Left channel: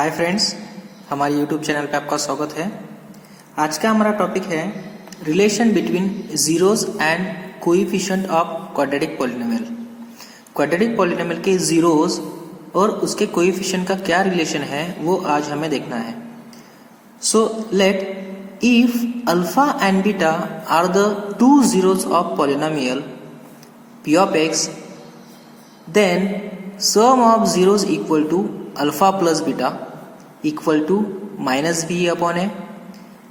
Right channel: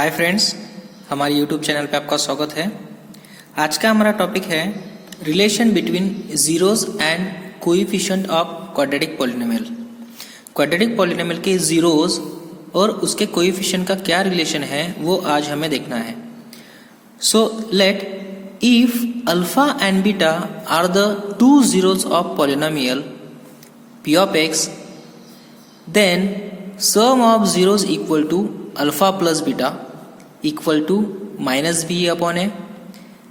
Hi friends, हमारे YouTube channel पे आपका स्वागत है। आज का हमारा टॉपिक है relation between zeros and coefficient of quadratic polynomial. Quadratic polynomial के जीरोस और उसके कोएफिशिएंट का क्या रिलेशन है वो आज हमें देखना है। So let if alpha and beta are the two zeros of polynomial p of x, then sum of zeros equal to alpha plus beta equal to minus b upon a,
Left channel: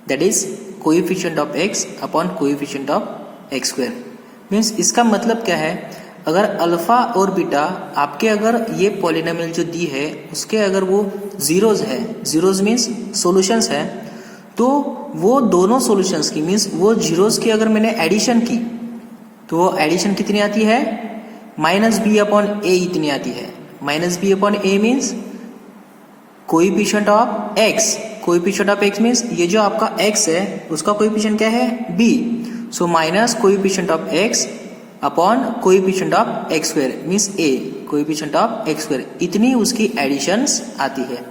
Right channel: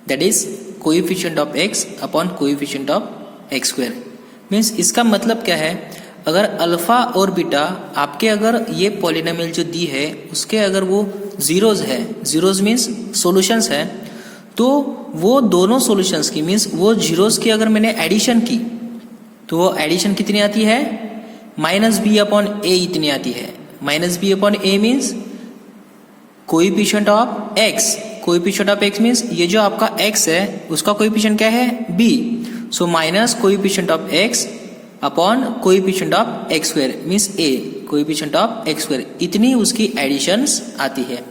that is coefficient of x upon coefficient of x square। Means इसका मतलब क्या है, अगर alpha और beta आपके अगर ये polynomial जो दी है उसके अगर वो जीरोज है, जीरोज मीन्स सॉल्यूशंस है, तो वो दोनों सॉल्यूशंस की मीन्स वो जीरोज की अगर मैंने एडिशन की तो वो एडिशन कितनी आती है, माइनस बी अपॉन ए इतनी आती है। Minus B upon A means coefficient of x, coefficient of x means ये जो आपका एक्स है उसका कोएफिशिएंट क्या है, B. So minus coefficient of x upon coefficient of x square means A, coefficient of x square, इतनी उसकी editions आती है।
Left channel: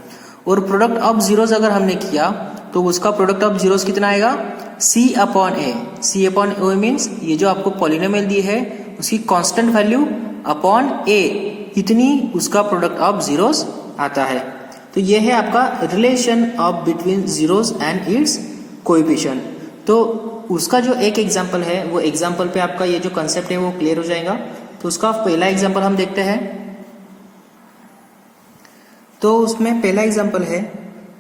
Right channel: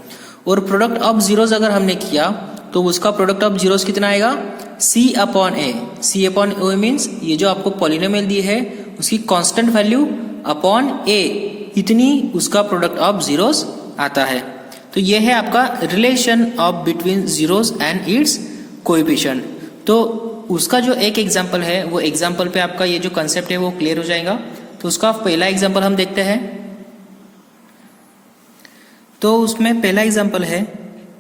और प्रोडक्ट ऑफ जीरोस अगर हमने किया तो उसका प्रोडक्ट ऑफ जीरोस कितना आएगा, c upon A. c upon A means ये जो आपको पॉलिनोमियल दी है उसकी कांस्टेंट वैल्यू अपॉन ए, इतनी उसका प्रोडक्ट ऑफ जीरोस आता है। तो ये है आपका relation of between zeros and its coefficient. तो उसका जो एक एग्जांपल है वो एग्जांपल पे आपका ये जो कंसेप्ट है वो क्लियर हो जाएगा। तो उसका पहला एग्जांपल हम देखते हैं। तो उसमें पहला एग्जांपल है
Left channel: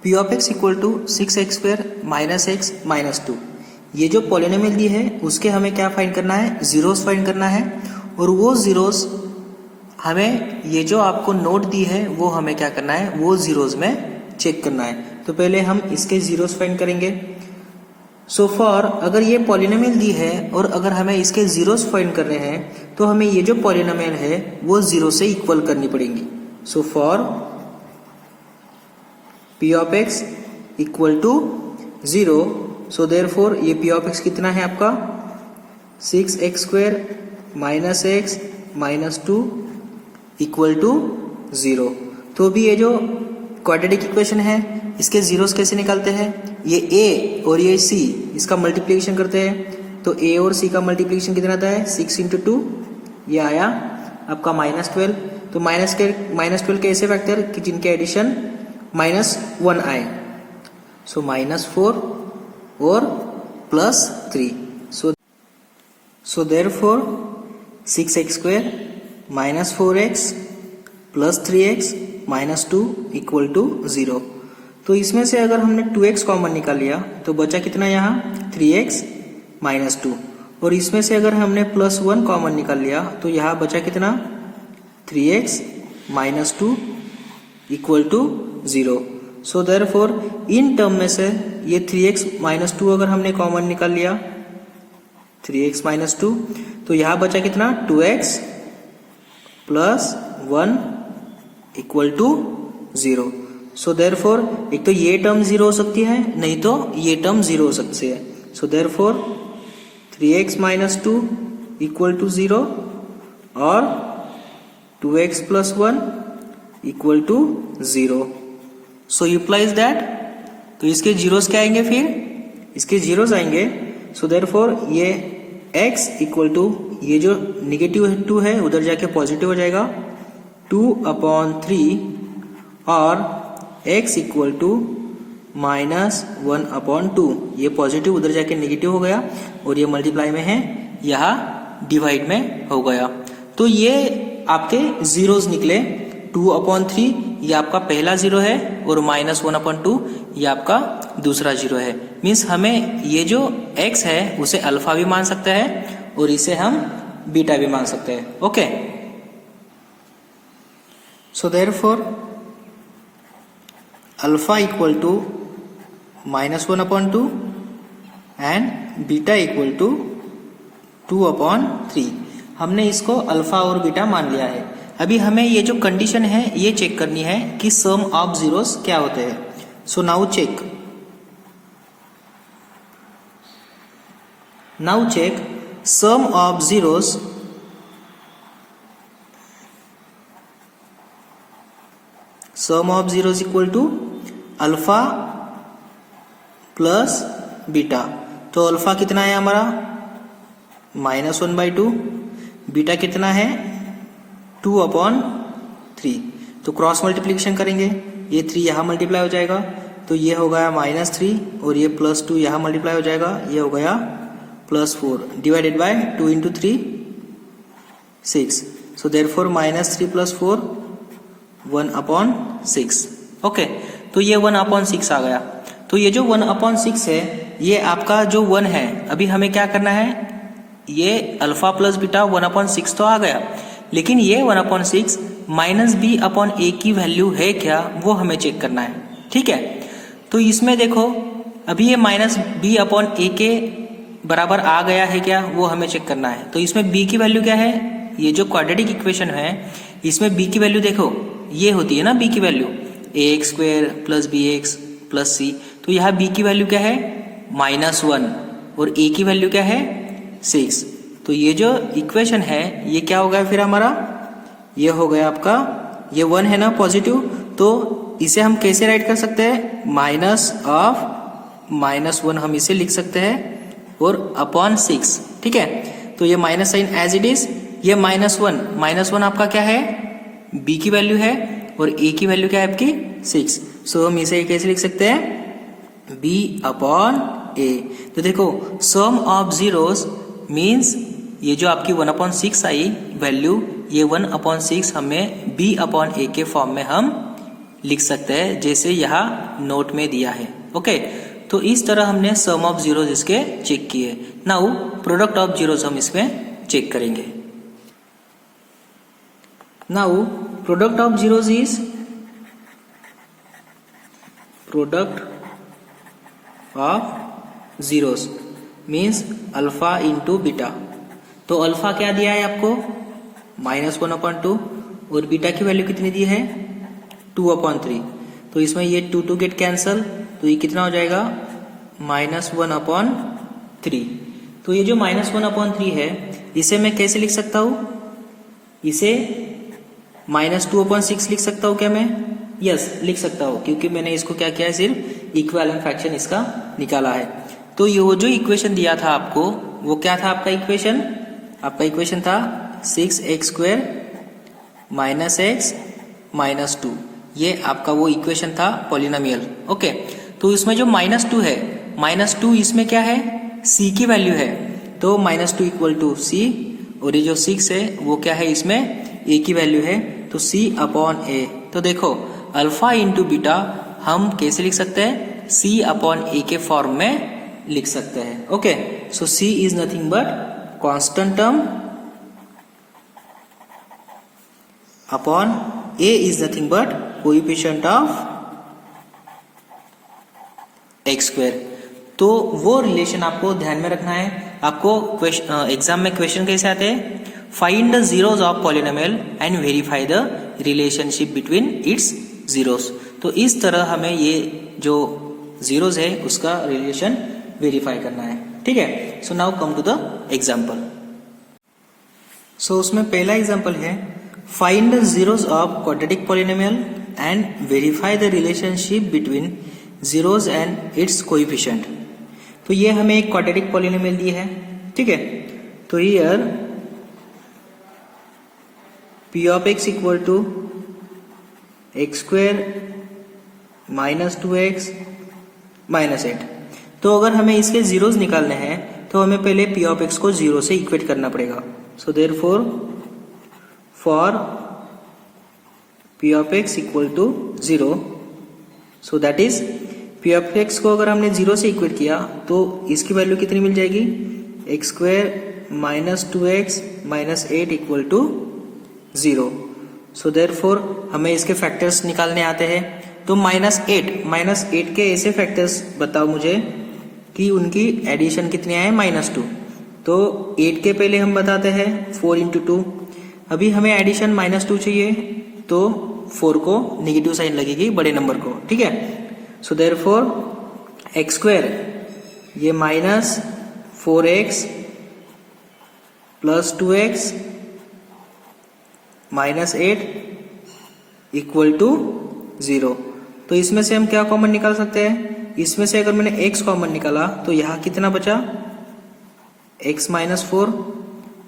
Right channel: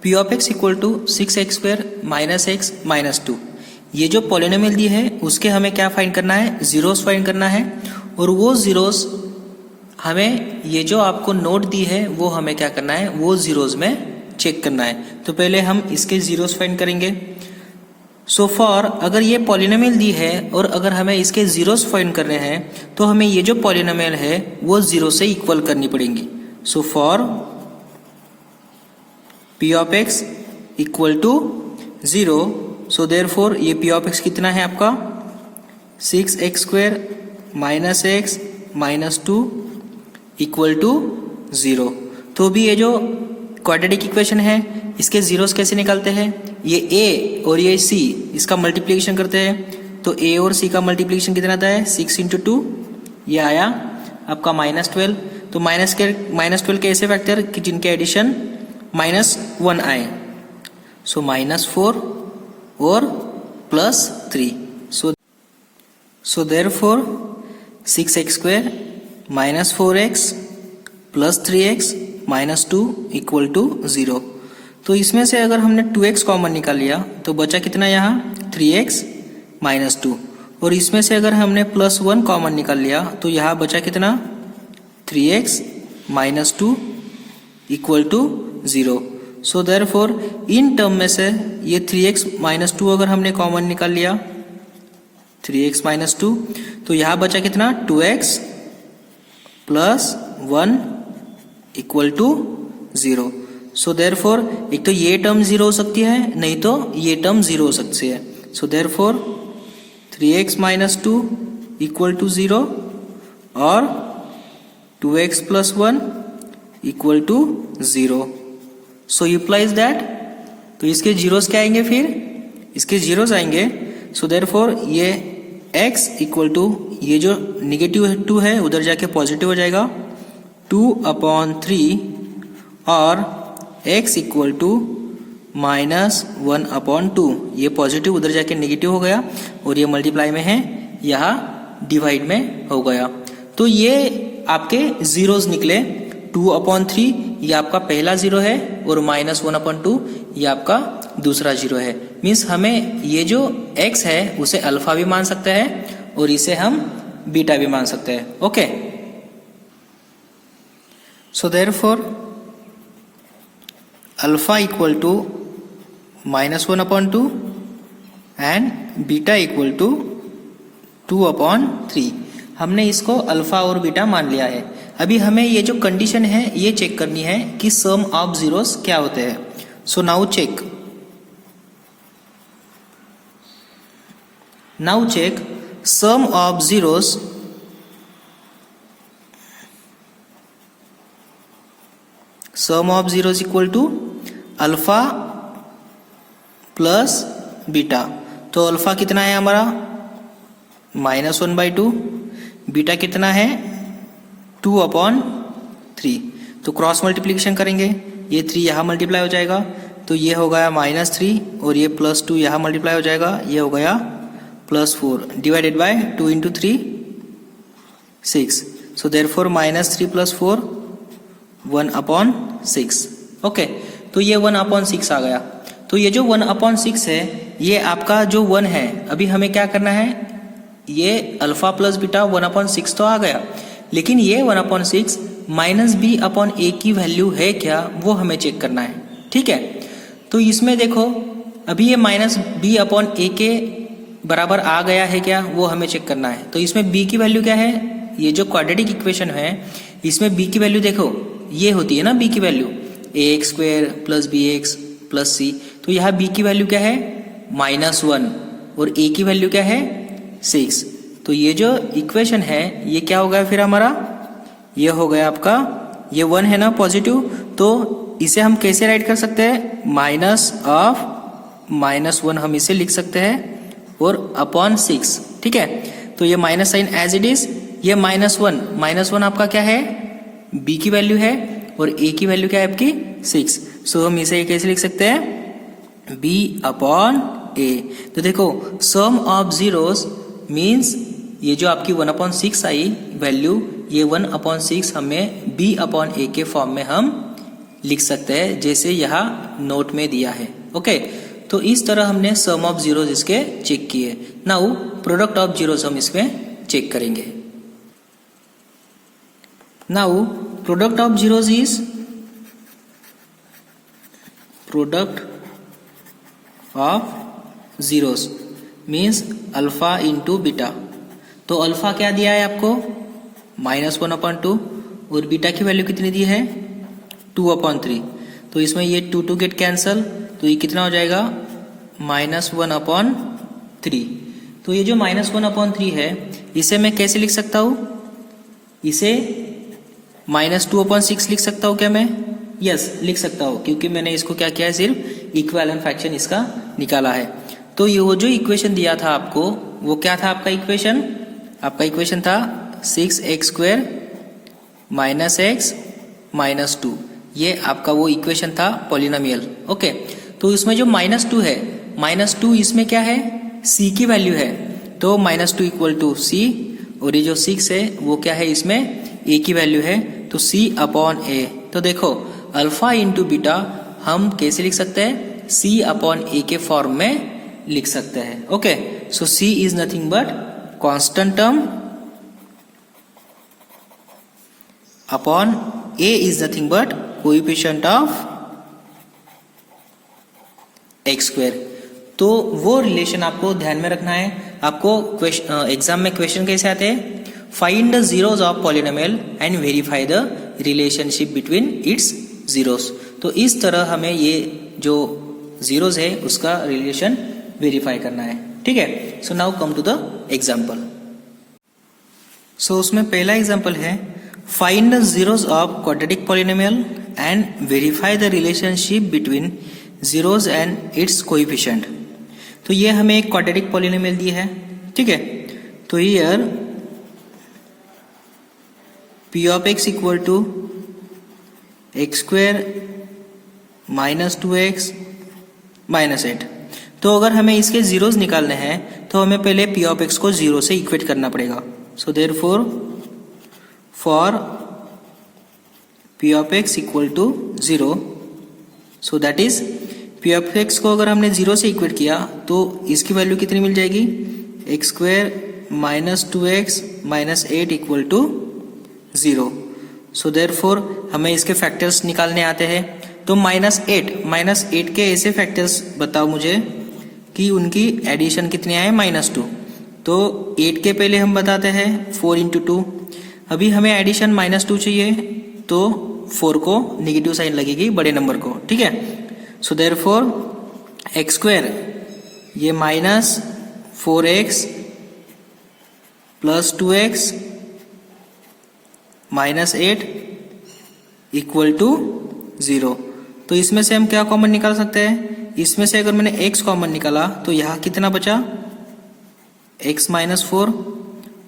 p of x equal to 6x square minus x minus 2। ये जो पॉलिनोमियल दी है उसके हमें क्या फाइंड करना है, जीरोस फाइंड करना है। और वो जीरोस हमें ये जो आपको नोट दी है वो हमें क्या करना है, वो जीरोस में चेक करना है। तो पहले हम इसके जीरोस फाइंड करेंगे। सो फॉर अगर ये पॉलिनोमियल दी है और अगर हमें इसके जीरोस फाइंड करने हैं तो हमें ये जो पॉलिनोमियल है वो जीरो से इक्वल करनी पड़ेंगी। So for p of x equal to 0, so therefore ये p of x कितना है आपका 6x square minus x minus 2 equal to 0। तो भी ये जो क्वाड्रेटिक इक्वेशन है इसके जीरोस कैसे निकालते हैं, ये a और ये c इसका मल्टीप्लिकेशन करते हैं। तो a और c का मल्टीप्लिकेशन कितना आता है, 6 इंटू 2, ये आया आपका -12। तो -12 के ऐसे फैक्टर कि जिनके एडिशन -1 आए। सो -4 और +3। So therefore 6x square minus 4x plus 3x minus 2 equal to 0। तो इसमें से अगर हमने 2x कॉमन निकाल लिया तो बचा कितना यहाँ 3x माइनस 2। और इसमें से अगर हमने +1 कॉमन निकाल लिया तो यहाँ बचा कितना 3x minus 2 equal to 0। So therefore इन टर्म में से ये 3x माइनस 2 अगर हमने कॉमन निकाल लिया 3x माइनस 2, तो यहाँ बचा कितना 2x plus 1 equal to 0। So therefore एक तो ये टर्म 0 हो सकती है, नहीं तो ये टर्म 0 हो सकती है। So therefore 3x minus 2 equal to 0 और 2x plus 1 equal to 0। So implies that, तो इसके जीरोस क्या आएंगे, फिर इसके जीरोस आएंगे। सो देयरफॉर ये x इक्वल टू ये जो निगेटिव 2 है उधर जाके पॉजिटिव हो जाएगा 2/3 और x इक्वल टू -1/2, ये पॉजिटिव उधर जाके नेगेटिव हो गया और ये मल्टीप्लाई में है, यहाँ डिवाइड में हो गया। तो ये आपके जीरोस निकले। 2/3 ये आपका पहला जीरो है और -1/2 ये आपका दूसरा जीरो है। मीन्स हमें ये जो x है उसे अल्फा भी मान सकते हैं और इसे हम बीटा भी मान सकते हैं। Okay, so therefore alpha equal to -1/2 and beta equal to 2/3। हमने इसको अल्फा और बीटा मान लिया है। अभी हमें ये जो कंडीशन है ये चेक करनी है कि सम ऑफ जीरोस क्या होते हैं। So now check sum of zeros sum of 0 is equal to alpha plus beta. तो अल्फा कितना है हमारा -1/2, बीटा कितना है 2/3। तो क्रॉस मल्टीप्लिकेशन करेंगे, ये 3 यहाँ मल्टीप्लाई हो जाएगा, तो ये हो गया -3 और ये +2 यहाँ मल्टीप्लाई हो जाएगा, ये हो गया +4 divided by 2 × 3 6। So therefore -3 + 4 1/6। Okay, तो ये 1/6 आ गया। तो ये जो 1/6 है ये आपका जो 1 है, अभी हमें क्या करना है, ये अल्फा प्लस बीटा 1/6 तो आ गया, लेकिन ये 1/6 -b/a की वैल्यू है क्या, वो हमें चेक करना है। ठीक है, तो इसमें देखो अभी ये -b/a के बराबर आ गया है क्या, वो हमें चेक करना है। तो इसमें b की वैल्यू क्या है, ये जो क्वाड्रेटिक इक्वेशन है इसमें b की वैल्यू देखो ये होती है ना, b की वैल्यू ax² + bx + c। तो यहाँ b की वैल्यू क्या है -1 और a की वैल्यू क्या है 6। तो ये जो इक्वेशन है ये क्या होगा फिर हमारा, ये हो गया आपका, ये 1 है ना पॉजिटिव, तो इसे हम कैसे राइट कर सकते हैं, -1 हम इसे लिख सकते हैं और /6। ठीक है, तो ये minus sign as it is, ये -1 आपका क्या है b की वैल्यू है और a की वैल्यू क्या है आपकी 6। सो हम इसे कैसे लिख सकते हैं b/a। तो देखो सम ऑफ जीरोस मीन्स ये जो आपकी 1/6 आई वैल्यू, ये 1/6 हमें b/a के फॉर्म में हम लिख सकते हैं, जैसे यहाँ नोट में दिया है। ओके, तो इस तरह हमने सम ऑफ जीरोस इसके चेक किए। नाउ प्रोडक्ट ऑफ जीरोस हम इसमें चेक करेंगे। Now product of zeros is product of zeros means alpha into beta. तो अल्फा क्या दिया है आपको -1/2 और बीटा की वैल्यू कितनी दी है 2/3। तो इसमें ये 2 गेट कैंसल, तो ये कितना हो जाएगा -1/3। तो ये जो -1/3 है इसे मैं कैसे लिख सकता हूँ, इसे -2/6 लिख सकता हूँ क्या मैं, यस लिख सकता हूँ, क्योंकि मैंने इसको क्या किया है, सिर्फ इक्विवेलेंट फ्रैक्शन इसका निकाला है। तो ये जो इक्वेशन दिया था आपको वो क्या था आपका इक्वेशन, आपका इक्वेशन था 6x² - x - 2। ये आपका वो इक्वेशन था पॉलिनोमियल। ओके, तो इसमें जो -2 है, -2 इसमें क्या है c की वैल्यू है, तो -2 = c और ये जो 6 है वो क्या है इसमें a की वैल्यू है, तो c/a। तो देखो अल्फा इंटू बीटा हम कैसे लिख सकते हैं, c/a के फॉर्म में लिख सकते हैं। Okay, so c is nothing but constant term upon a is nothing but coefficient of x²। तो वो रिलेशन आपको ध्यान में रखना है। आपको एग्जाम में क्वेश्चन कैसे आते हैं, find the zeros of polynomial and verify the relationship between its zeros. तो इस तरह हमें ये जो जीरोस है उसका रिलेशन वेरीफाई करना है। ठीक है, so now come to the example. So उसमें पहला एग्जाम्पल है find the zeros of quadratic polynomial and verify the relationship between zeros and its coefficient. तो ये हमें एक क्वाड्रेटिक पॉलिनोमियल दी है। ठीक है, तो here p of x equal to x² - 2x - 8। तो अगर हमें इसके जीरोस निकालने हैं तो हमें पहले p of x को 0 से इक्वेट करना पड़ेगा। So therefore for p of x equal to 0, so that is p of x को अगर हमने 0 से इक्वेट किया तो इसकी वैल्यू कितनी मिल जाएगी, x² - 2x - 8 = 0। सो देयरफॉर हमें इसके फैक्टर्स निकालने आते हैं। तो -8 के ऐसे फैक्टर्स बताओ मुझे कि उनकी एडिशन कितनी आए -2। तो 8 के पहले हम बताते हैं 4 × 2। अभी हमें एडिशन -2 चाहिए, तो 4 को नेगेटिव साइन लगेगी बड़े नंबर को। ठीक है, सो देयरफॉर x² ये -4x + 2x - 8 = 0। तो इसमें से हम क्या कॉमन निकाल सकते हैं, इसमें से अगर मैंने x कॉमन निकाला तो यहाँ कितना बचा x माइनस 4,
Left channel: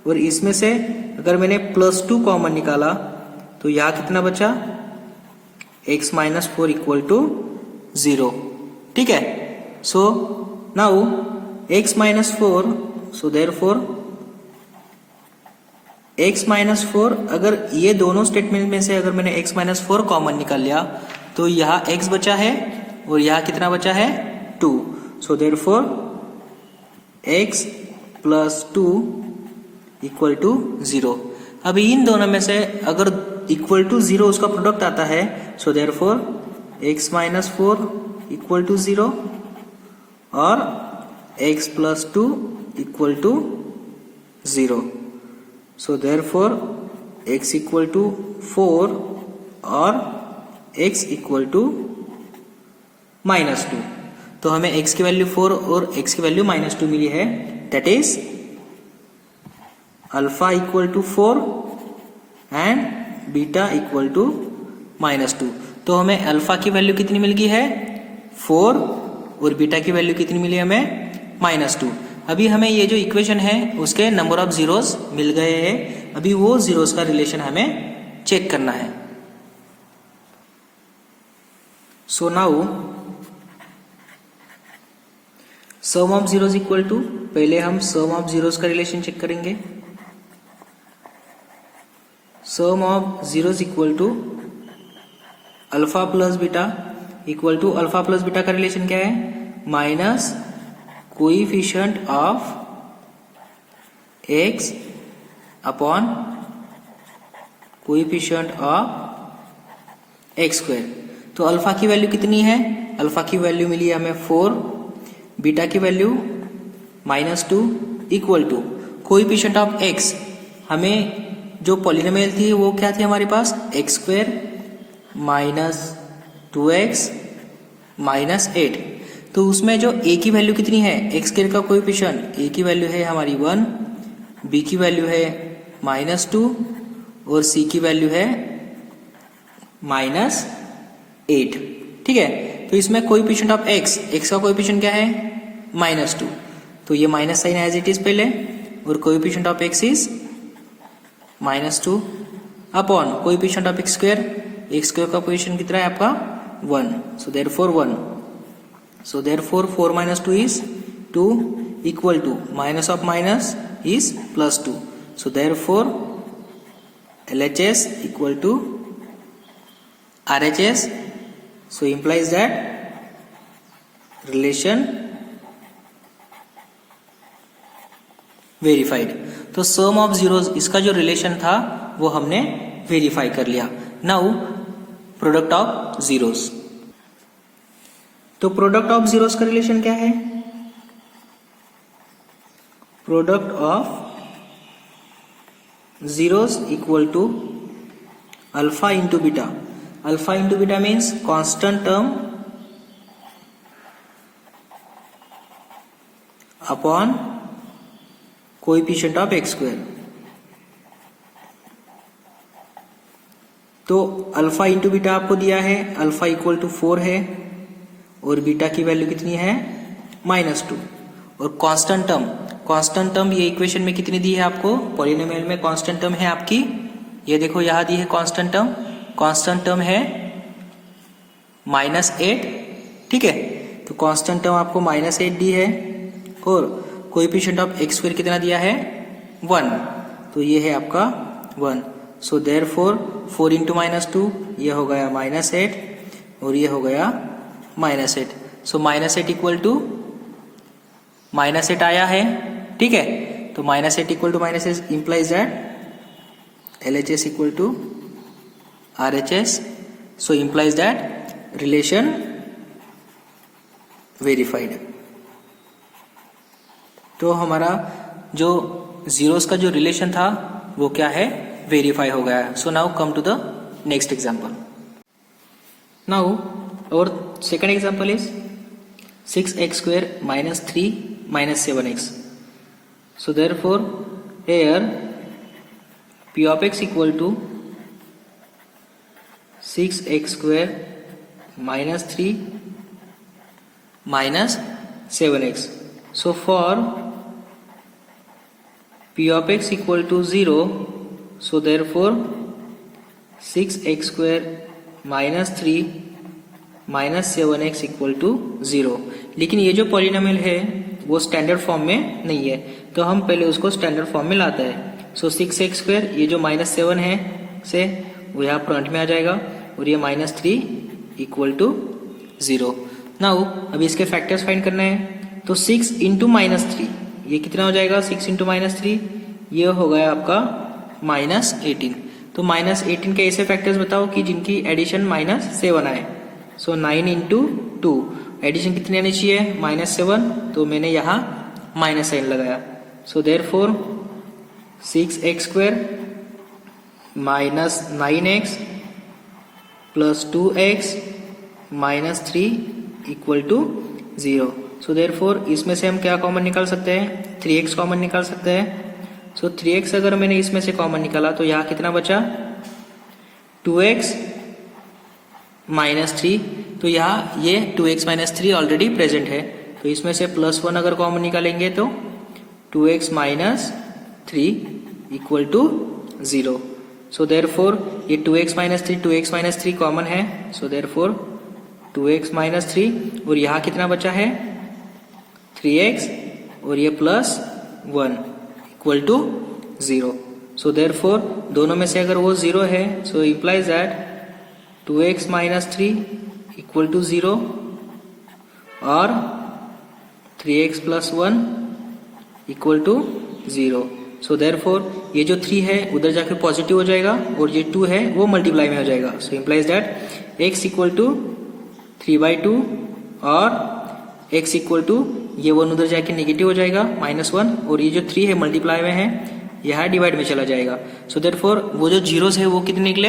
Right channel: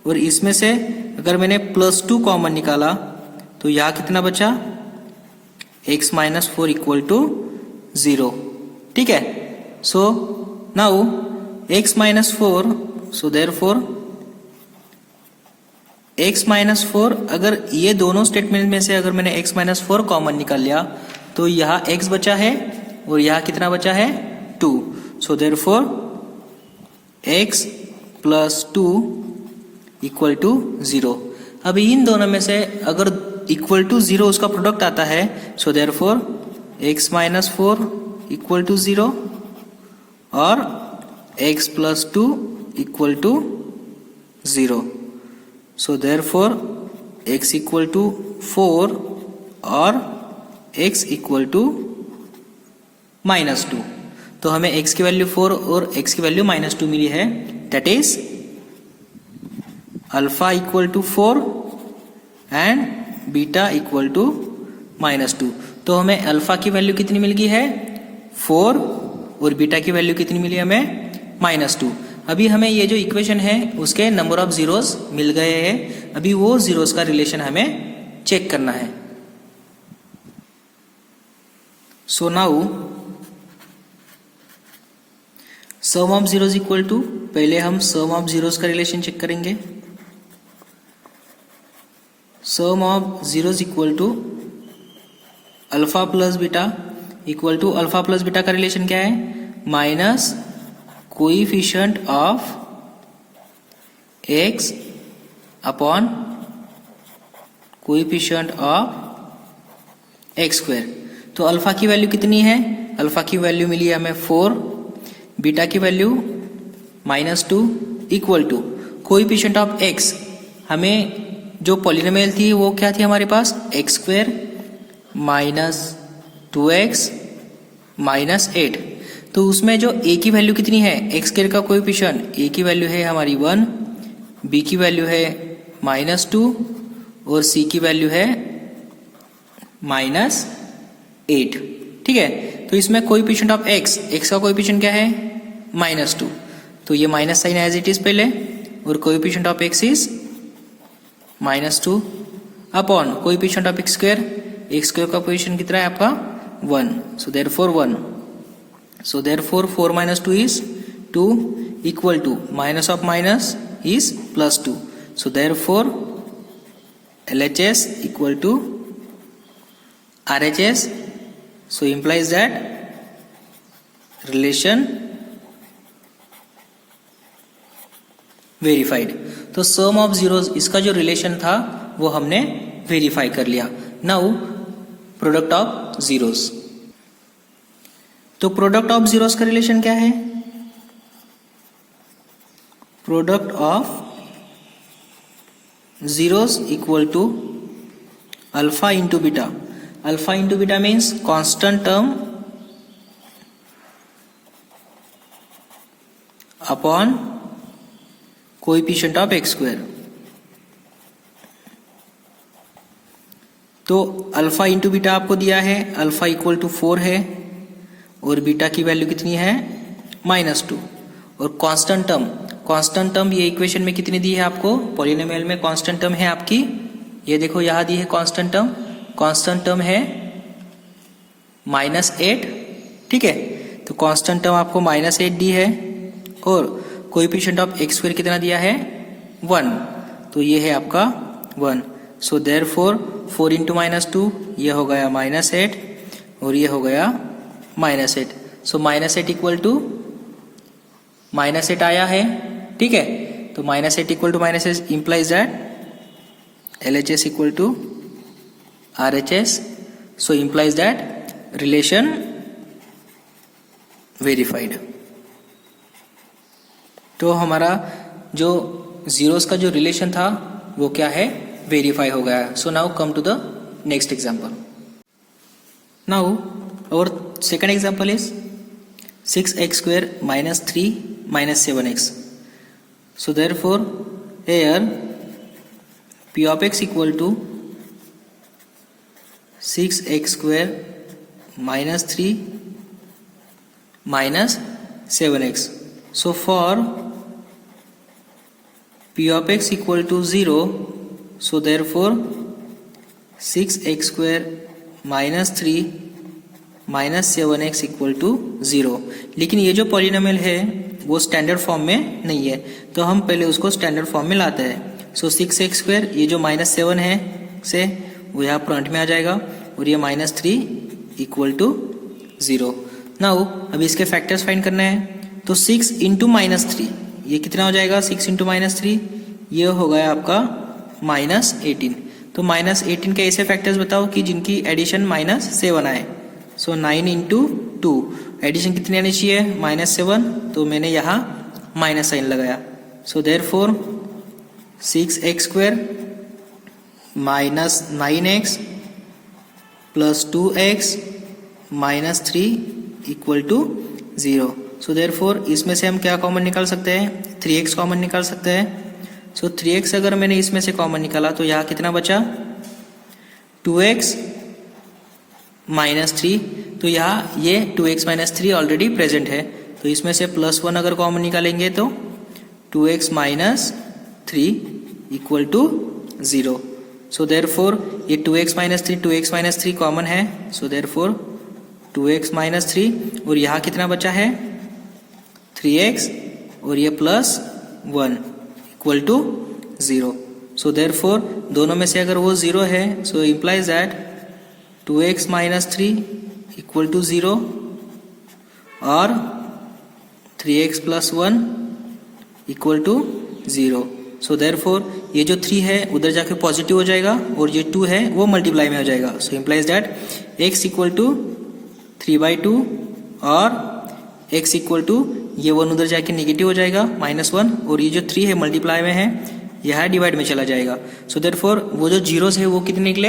और इसमें से अगर मैंने +2 कॉमन निकाला तो यहाँ कितना बचा x माइनस 4 इक्वल टू 0। ठीक है, सो नाउ x माइनस 4, सो देयरफॉर x माइनस 4, अगर ये दोनों स्टेटमेंट में से अगर मैंने x माइनस 4 कॉमन निकाल लिया तो यहाँ x बचा है और यहाँ कितना बचा है 2। So therefore x plus 2 equal to 0। अभी इन दोनों में से अगर इक्वल टू 0 उसका प्रोडक्ट आता है, so therefore x minus 4 equal to 0 और x plus 2 equal to 0। So therefore x equal to 4 और x इक्वल टू -2। तो हमें x की वैल्यू 4 और x की वैल्यू -2 मिली है, that is alpha equal to 4 and beta equal to -2। तो हमें अल्फा की वैल्यू कितनी मिल गई है 4 और बीटा की वैल्यू कितनी मिली हमें -2। अभी हमें ये जो इक्वेशन है उसके नंबर ऑफ जीरोस मिल गए हैं, अभी वो जीरोस का रिलेशन हमें चेक करना है। So now sum of zeros equal to, पहले हम सम ऑफ जीरोस का रिलेशन चेक करेंगे। Sum of zeros equal to alpha plus beta equal to, alpha plus beta का रिलेशन क्या है minus coefficient of x upon coefficient of x square. तो alpha की value कितनी है, अल्फा की वैल्यू मिली है हमें 4, बीटा की value -2 equal to coefficient of x, हमें जो पॉलिनोमियल थी वो क्या थी हमारे पास x square minus 2x minus 8। तो उसमें जो a की वैल्यू कितनी है, x स्क्वायर का कोएफिशिएंट a की वैल्यू है हमारी 1, b की वैल्यू है -2 और c की वैल्यू है -8। ठीक है, तो इसमें कोएफिशिएंट ऑफ x का कोएफिशिएंट क्या है -2, तो ये minus sign as it is पहले, और coefficient of x is -2 upon coefficient of x square का कोएफिशिएंट कितना है आपका 1, so therefore 1, so therefore 4 minus 2 is 2 equal to minus of minus is plus 2, so therefore LHS equal to RHS, so implies that relation verified। तो सम of zeros इसका जो relation था वो हमने वेरीफाई कर लिया। नाउ प्रोडक्ट ऑफ जीरोस, तो product of zeros का रिलेशन क्या है, product of zeros equal to alpha into beta. Alpha into beta means constant term upon coefficient of x square. तो अल्फा इंटू बीटा आपको दिया है, अल्फा इक्वल टू 4 है और बीटा की वैल्यू कितनी है -2, और कांस्टेंट टर्म ये इक्वेशन में कितनी दी है आपको, पॉलिनोमियल में कांस्टेंट टर्म है आपकी, ये देखो यहां दी है कांस्टेंट टर्म है -8। ठीक है, तो कांस्टेंट टर्म आपको -8 दी है और कोएफिशिएंट ऑफ x स्क्वायर कितना दिया है 1, तो ये है आपका 1, सो देयरफॉर 4 इंटू -2 ये हो गया -8 और ये हो गया -8, सो -8 इक्वल टू -8 आया है। ठीक है, तो -8 equal to -8 implies that LHS equal to RHS, so implies that relation verified. तो हमारा जो जीरोस का जो रिलेशन था वो क्या है वेरीफाई हो गया। So now come to the next example. Now और second example is 6x square minus 3 minus 7x. So therefore here p of x equal to 6x square -3 -7x. So for p of x equal to 0, so therefore 6x square -3 -7x equal to 0. लेकिन ये जो polynomial है वो standard form में नहीं है, तो हम पहले उसको स्टैंडर्ड फॉर्म में लाते हैं. सो 6x स्क्वायर, ये जो -7 है से वो यहाँ फ्रंट में आ जाएगा और ये -3 इक्वल टू 0. नाउ अभी इसके फैक्टर्स फाइंड करने हैं. तो 6 इंटू -3 ये कितना हो जाएगा? 6 इंटू -3 ये हो गया आपका -18. तो -18 के ऐसे फैक्टर्स बताओ कि जिनकी एडिशन -7 आए. सो 9 इंटू 2 एडिशन कितनी आनी चाहिए? -7. तो मैंने यहाँ माइनस साइन लगाया. So therefore 6x square -9x plus 2x -3 equal to 0. So therefore इसमें से हम क्या कॉमन निकाल सकते हैं? 3x कॉमन निकाल सकते हैं. सो 3x अगर मैंने इसमें से कॉमन निकाला तो यहाँ कितना बचा? 2x -3. तो यहाँ ये 2x -3 ऑलरेडी प्रेजेंट है, तो इसमें से +1 अगर कॉमन निकालेंगे तो 2x -3 equal to 0. So therefore ये 2x -3 कॉमन है. सो देयरफॉर 2x -3 और यहाँ कितना बचा है? 3x और ये +1 इक्वल टू 0. सो देयरफॉर दोनों में से अगर वो 0 है, so implies that 2x -3 equal to 0 और 3x + 1 equal to 0. So therefore ये जो 3 है उधर जाके पॉजिटिव हो जाएगा और ये 2 है वो मल्टीप्लाई में हो जाएगा. So implies that x equal to 3/2 और x इक्वल टू ये 1 उधर जाके नेगेटिव हो जाएगा -1 और ये जो 3 है मल्टीप्लाई में है, यह डिवाइड में चला जाएगा. सो देयरफॉर वो जो जीरोस है वो कितने निकले?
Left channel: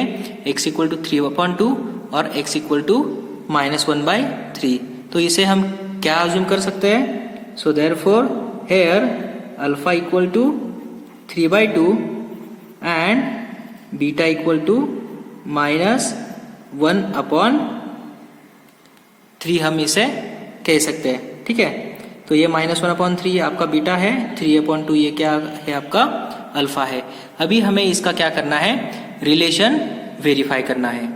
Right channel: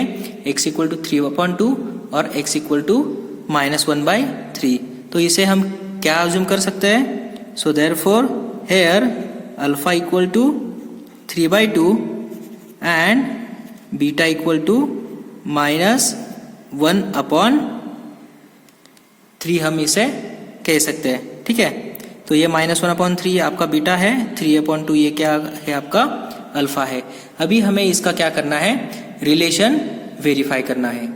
x इक्वल टू 3/2 और x इक्वल टू -1/3. तो इसे हम क्या अज्यूम कर सकते हैं? So therefore here alpha equal to 3/2 and beta equal to -1/3 हम इसे कह सकते हैं. ठीक है, तो ये -1/3 आपका बीटा है, 3/2 ये क्या है? आपका अल्फा है. अभी हमें इसका क्या करना है? रिलेशन वेरीफाई करना है.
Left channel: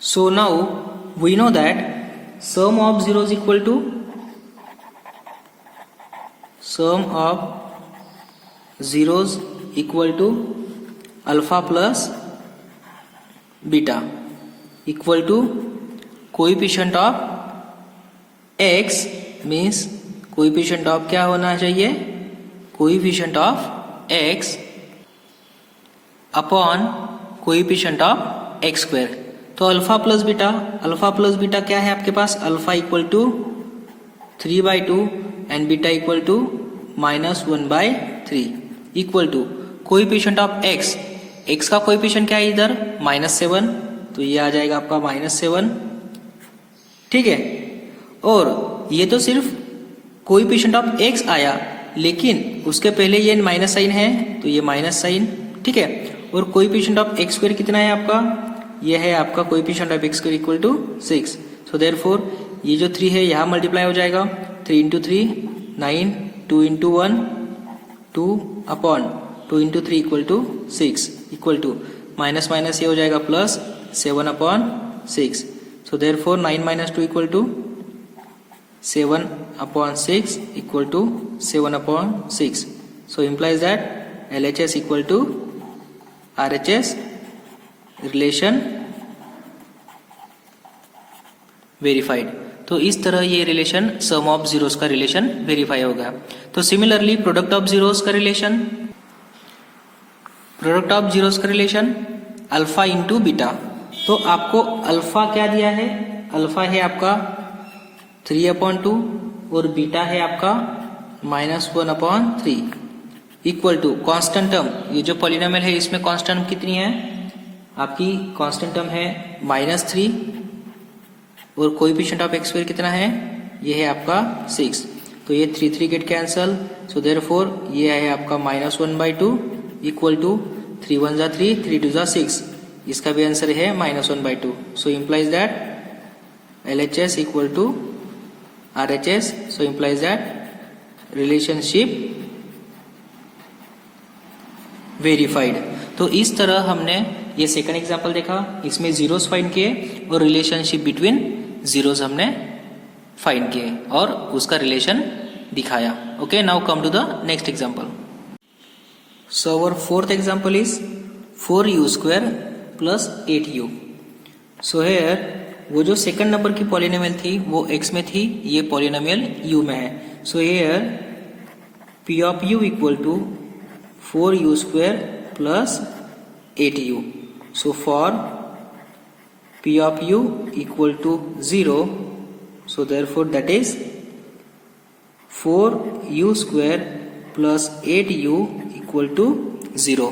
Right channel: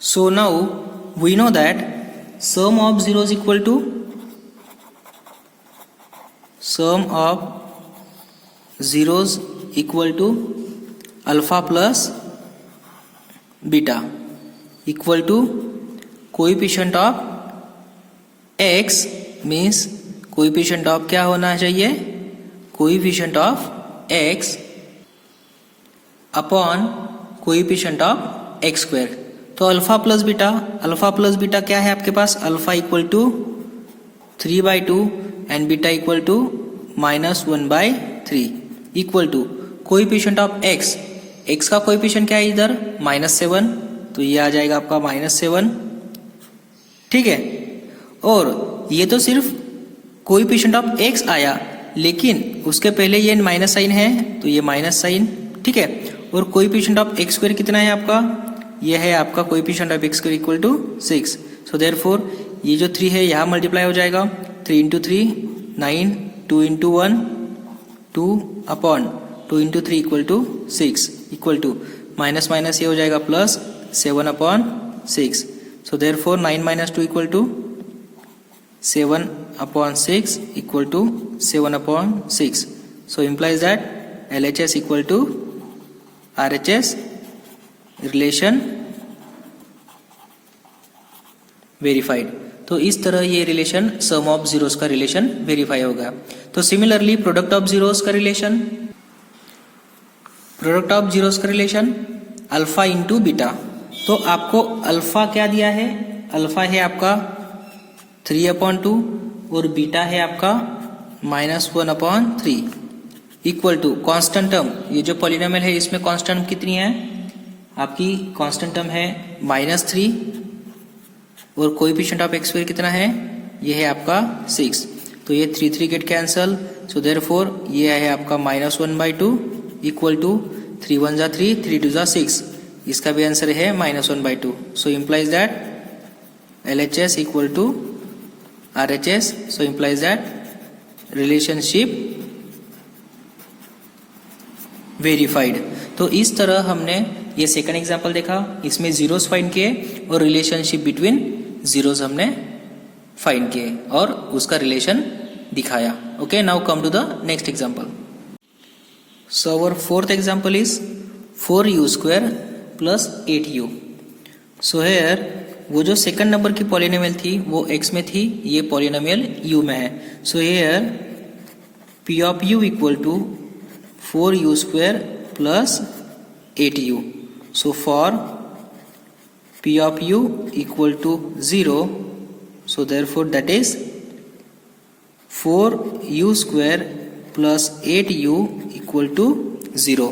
So now we know that sum of zeros equal to sum of zeros equal to alpha plus beta equal to coefficient of x means coefficient of क्या होना चाहिए? Coefficient of x upon coefficient of x square. तो alpha plus beta क्या है आपके पास? Alpha equal to 3/2 and beta equal to -1/3 equal to coefficient of x का coefficient क्या है इधर? -7. तो ये आ जाएगा आपका -7. ठीक है, और ये तो सिर्फ कोएफिशिएंट ऑफ x आया, लेकिन उसके पहले ये माइनस साइन है तो ये माइनस साइन. ठीक है, और कोएफिशिएंट ऑफ x स्क्वायर कितना है आपका? ये है आपका coefficient of x square equal to 6. So therefore ये जो 3 है यहाँ मल्टीप्लाई हो जाएगा. 3 into 3 9, 2 into 1 2 upon 2 into 3 equal to 6 equal to minus minus ये हो जाएगा plus 7/6. So therefore 9 - 2 equal to 7/6 equal to 7/6. So implies that LHS equal to RHS relation verified. तो इस तरह ये रिलेशन सम ऑफ जीरोस का रिलेशन वेरीफाई हो गया. तो सिमिलरली प्रोडक्ट ऑफ जीरोस का रिलेशन अल्फा इंटू बीटा. तो आपको अल्फा क्या दिया है? अल्फा है आपका 3/2 और बीटा है आपका -1/3 इक्वल टू कांस्टेंट टर्म. ये जो पॉलिनोमियल है इसमें कांस्टेंट कितनी है? आपकी कांस्टेंट टर्म है -3 और कोएफिशिएंट ऑफ x स्क्वायर कितना है? ये है आपका 6. तो ये 3 गेट कैंसल. सो देयरफॉर ये है आपका -1/2 इक्वल टू 3 × 1 = 3, 3 × 2 = 6. इसका भी आंसर है -1/2. So implies that LHS equal to RHS. So implies that relationship verified. तो इस तरह हमने ये सेकंड एग्जांपल देखा, इसमें जीरोस फाइंड किए और रिलेशनशिप बिटवीन जीरोस हमने फाइंड किए और उसका रिलेशन दिखाया. Okay, now come to the next example. So our fourth example is 4u² plus 8u. So here वो जो सेकंड नंबर की पॉलिनोमियल थी वो x में थी, ये पॉलिनोमियल u में है. So here p of u equal to 4u² plus 8u. So for p of u equal to 0, so therefore that is 4u² plus 8u equal to 0.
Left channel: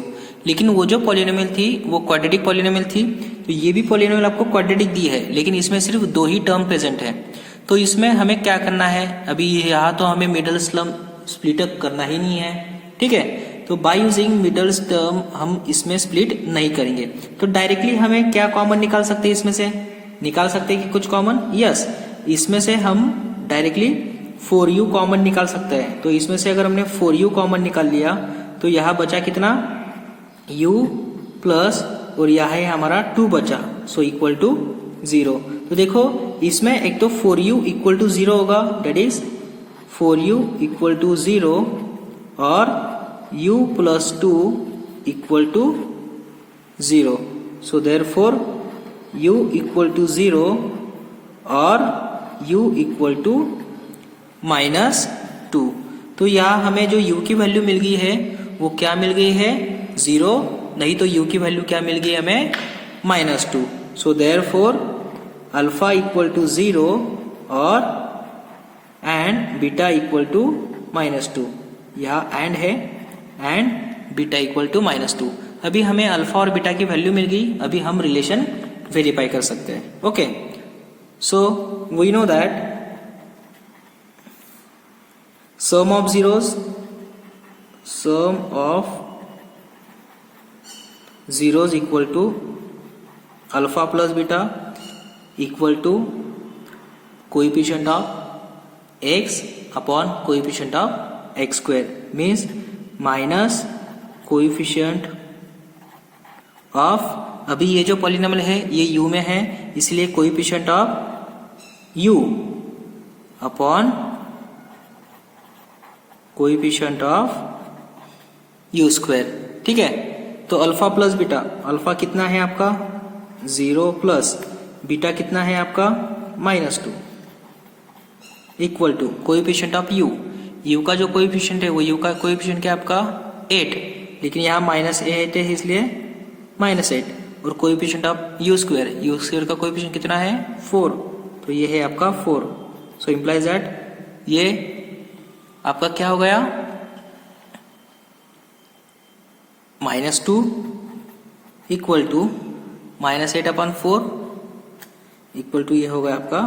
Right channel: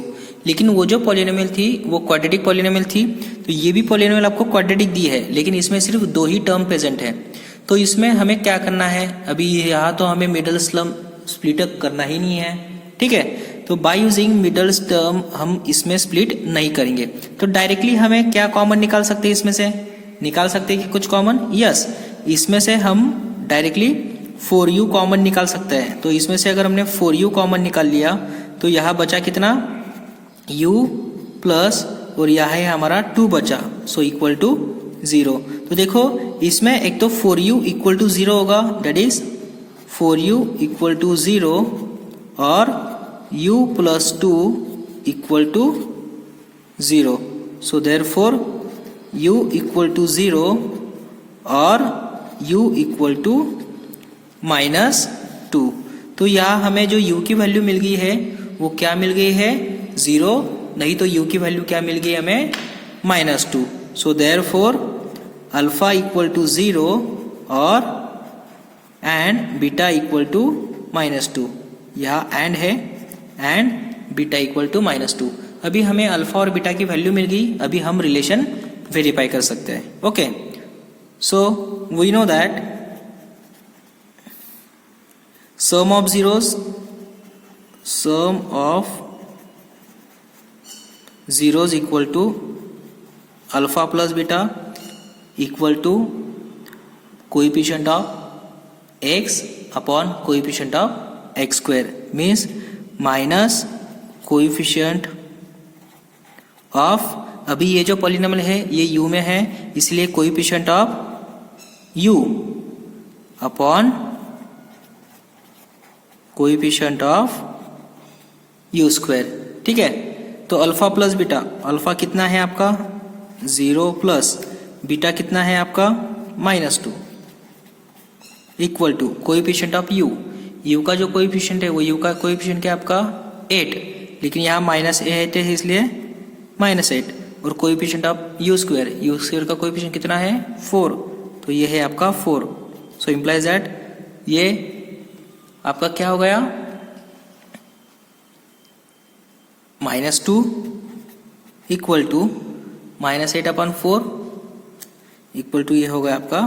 लेकिन वो जो पॉलिनोमियल थी वो क्वाड्रेटिक पॉलिनोमियल थी, तो ये भी पॉलिनोमियल आपको क्वाड्रेटिक दी है, लेकिन इसमें सिर्फ 2 ही टर्म प्रेजेंट है. तो इसमें हमें क्या करना है, अभी यहाँ तो हमें मिडल टर्म स्प्लिट अप करना ही नहीं है. ठीक है, तो बाय यूजिंग मिडल टर्म हम इसमें स्प्लिट नहीं करेंगे. तो डायरेक्टली हमें क्या कॉमन निकाल सकते हैं, इसमें से निकाल सकते हैं कि कुछ कॉमन. यस, इसमें से हम डायरेक्टली 4u कॉमन निकाल सकते हैं. तो इसमें से अगर हमने 4u कॉमन निकाल लिया तो यहाँ बचा कितना, u प्लस और यहाँ है हमारा 2 बचा, सो इक्वल टू 0. तो देखो इसमें एक तो 4u इक्वल टू 0 होगा, date is 4u equal to 0 और u plus 2 equal to 0. So therefore u equal to 0 और u equal to -2. तो यहाँ हमें जो u की वैल्यू मिल गई है वो क्या मिल गई है, 0, नहीं तो u की वैल्यू क्या मिल गई हमें, -2. So therefore alpha equal to 0 और एंड बीटा इक्वल टू -2. यहाँ एंड है एंड बीटा इक्वल टू -2. अभी हमें अल्फा और बीटा की वैल्यू मिल गई, अभी हम रिलेशन वेरीफाई कर सकते हैं. Okay, so we know that sum of zeros equal to alpha plus beta equal to coefficient of x upon coefficient of x², means minus coefficient of, अभी ये जो पॉलिनोमियल है ये u में है, इसलिए coefficient of u upon coefficient of u². ठीक है, तो अल्फा प्लस बीटा, अल्फा कितना है आपका 0 प्लस बीटा कितना है आपका -2 equal to coefficient of u का जो कोएफिशिएंट है वो u का कोएफिशिएंट क्या है आपका 8, लेकिन यहाँ -8 है इसलिए -8, और कोएफिशिएंट ऑफ u² का कोएफिशिएंट कितना है 4, तो ये है आपका 4. सो इम्प्लाइज दैट ये आपका क्या हो गया, -2 इक्वल टू -8/4 इक्वल टू ये हो गया आपका